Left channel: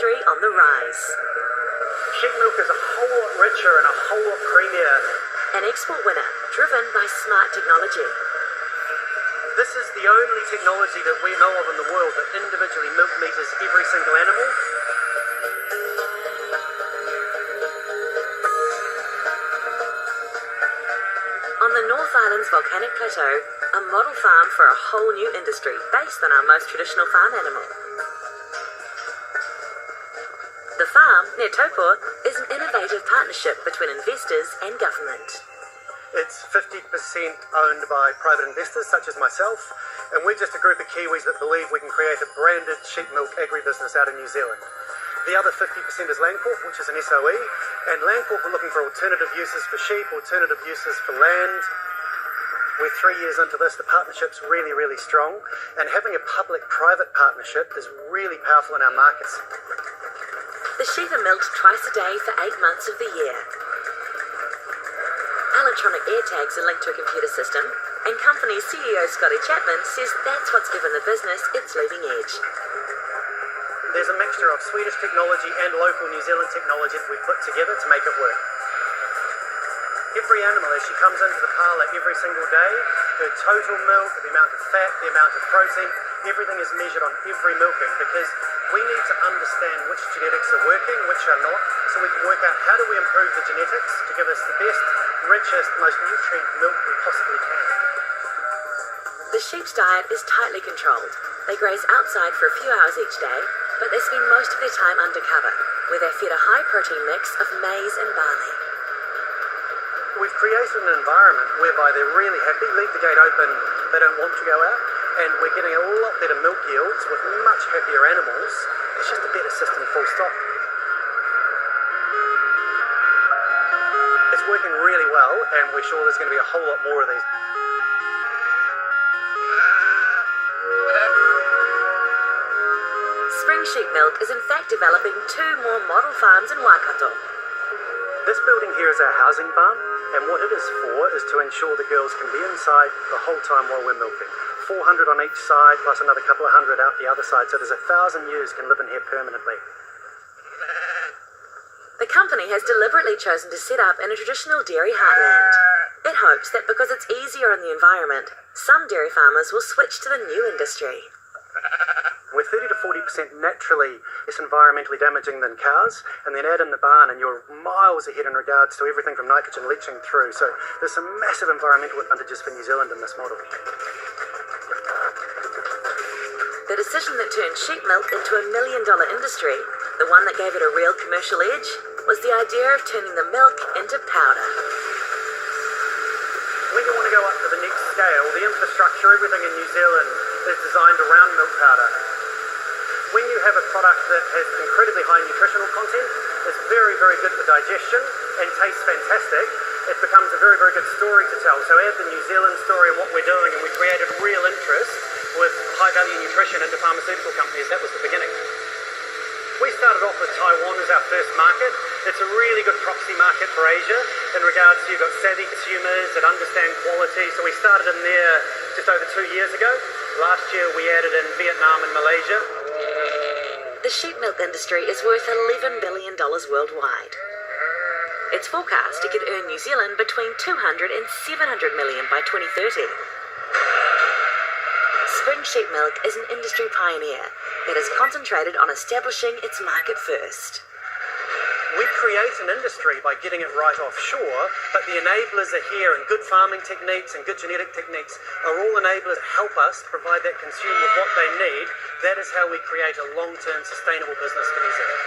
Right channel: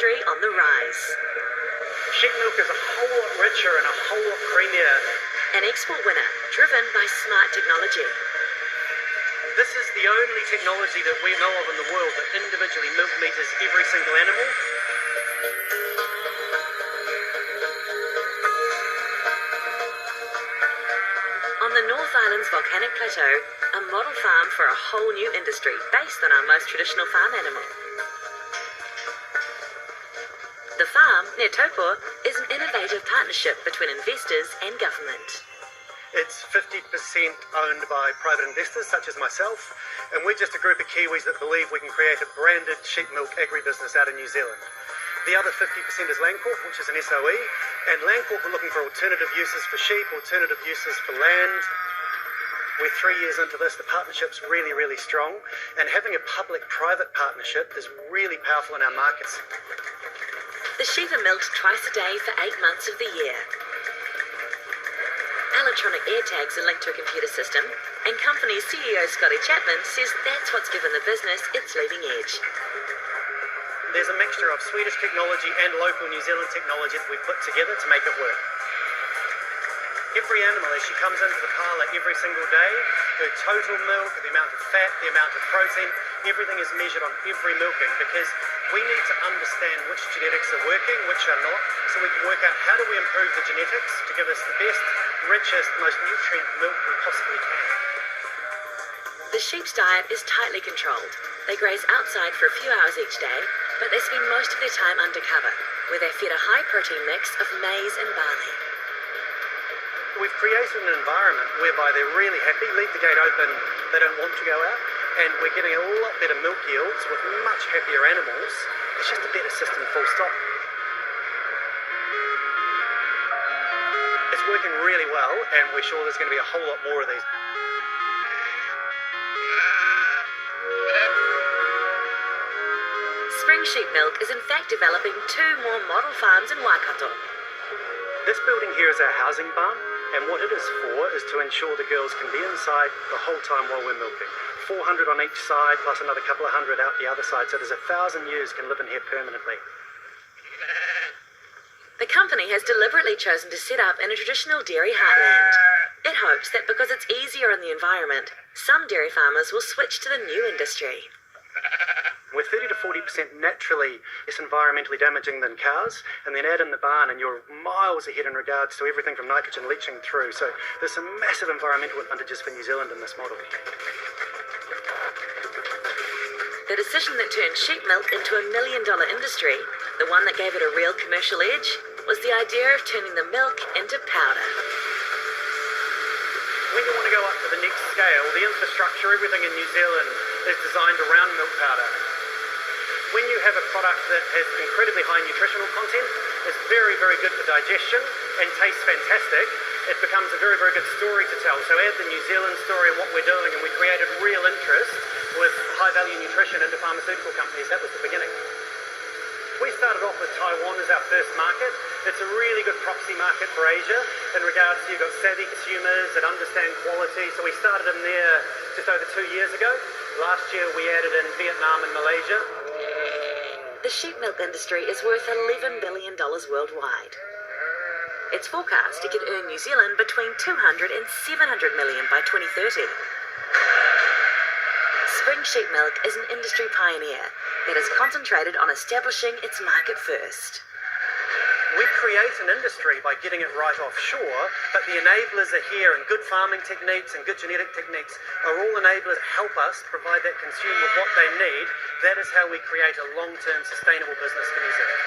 industry on the rise. Sheep milk is a whole lot richer and a whole lot creamier. An export winner, driven by smart technology. This is the only technology that we know of in the world that individually milk meters every single animal. On the North Island's volcanic plateau, a model farm for a whole new industry based on our most traditional farm animal. The farm, near Taupo, is an innovative partnership between investors and government. It's 50% owned by private investors such as myself, and we're just a group of Kiwis that believe we can create a branded sheep milk agribusiness out of New Zealand. The other 50% is Landcorp, which is an SOE, and Landcorp are looking for alternative uses for sheep, alternative uses for land. We're 3 years into this, the partnership's really, really strong, and having a public-private partnership is really powerful in our markets. The sheep are milked twice a day for 8 months of the year. Electronic air tags are linked to a computer system, and company CEO Scotty Chapman says that's what's given the business its leading edge. There's a mixture of Swedish technology and local New Zealand technology that we've put together to make it work. Every animal, as she comes into the parlour every single day, her total milk, the amount of fat, the amount of protein, everything is measured on every milking because we need to understand which genetics are working, which are not, so we can work out how do we improve the genetics to give us the best, richest, most nutrient milk we possibly can. The sheep's diet is tightly controlled. They graze outside for a few hours each day, but they spend most of their time undercover, where they're fed a high-protein mix of maize and barley. We've created an environment whereby they're really happy, leave the gate open, they don't want to go out, and we're getting a lot better milk yields with much happier animals. It's just a better system, full stop. It's working really well, and we're sure there's going to be a whole lot more of these. Spring Sheep Milk is in fact developing 2 more model farms in Waikato. This building here is our housing barn, and what it is for is to ensure the girls can be inside the whole time while we're milking. 400 on each side, plus another couple of hundred out the other side, so there's 1,000 ewes can live in here permanently. The company has deliberately chosen to set up in a traditional dairy heartland. It hopes that because it's easier on the environment, some dairy farmers will switch to the new industry. We're 30 to 40% naturally less environmentally damaging than cows, and then add in the barn and you're miles ahead in regards to everything from nitrogen leaching through. So there's some massive environmental advantages for New Zealand in this model. The decision that turned sheep milk into a $1 million industry, the one that gave it a real commercial edge, was the idea of turning the milk into powder. When you want to go up to the next scale, the infrastructure, everything in New Zealand is designed around milk powder. When you have a product that has incredibly high nutritional content, is very, very good for digestion and tastes fantastic, it becomes a very, very good story to tell. So add the New Zealand story and what we're doing, and we created real interest with high-value nutrition into pharmaceutical companies. That was the beginning. We started off with Taiwan as our first market. It's a really good proxy market for Asia in regards to you've got savvy consumers that understand quality. So we started in there just over 2 years ago. Last year we added in Vietnam and Malaysia. The sheep milk industry is worth $11 billion worldwide. It's forecast it could earn New Zealand between 200 and 700 million by 2030. Spring Sheep Milk is an industry pioneer that is concentrated on establishing its market first. We create an industry by getting it right offshore, but the enablers are here, and good farming techniques and good genetic techniques are all enablers that help us provide that consumer with what they need. That is how we create a long-term sustainable business for New Zealand.